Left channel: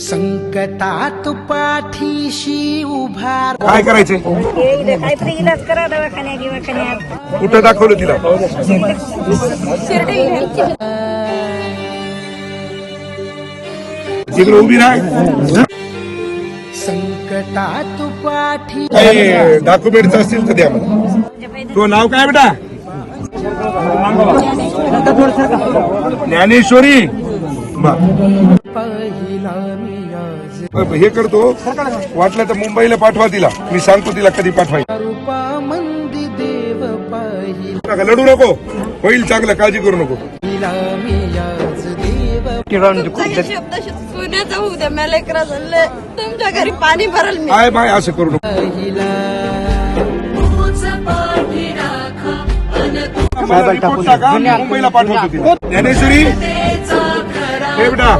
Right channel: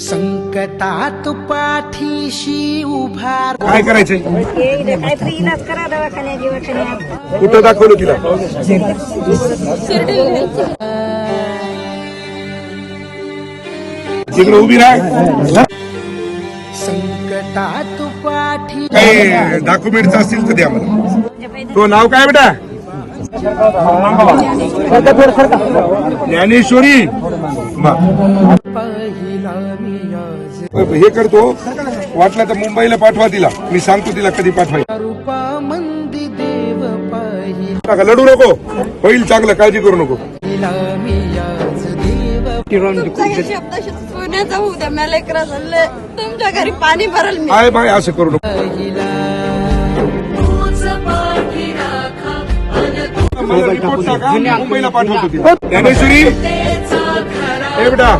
संकटात पाठीशी उभार. काय करायचंय? काहीतरी इलाज करा दवाखान्यात. कुठं दाखवलं तिला? तिकडे उभी राह. संकटात पाठी. काय डॉक्युमेंट असतील तर द्या मला. तो नाव काय बेटा? ज्ञानेश्वरी. पहिला मी आज हे करतो, वाटलं तर मुंबईला पाठवा तिला. मी सांगतो तिला कधी पाठवायचं. रूपा मंदी देव पहिला लढू नको, होईल चांगलं, काळजी करू नको. मी आज देव. शब्द पुण्याचा होऊ द्या. मला लेकरा झालं तुमच्या घरी पाणी भरल मी. काय बाय असं करू नको. पहिला माझा रिपोर्ट टाका, मी मुंबईला पाठवतो तिला. ज्ञानेश्वरी, हे बेटा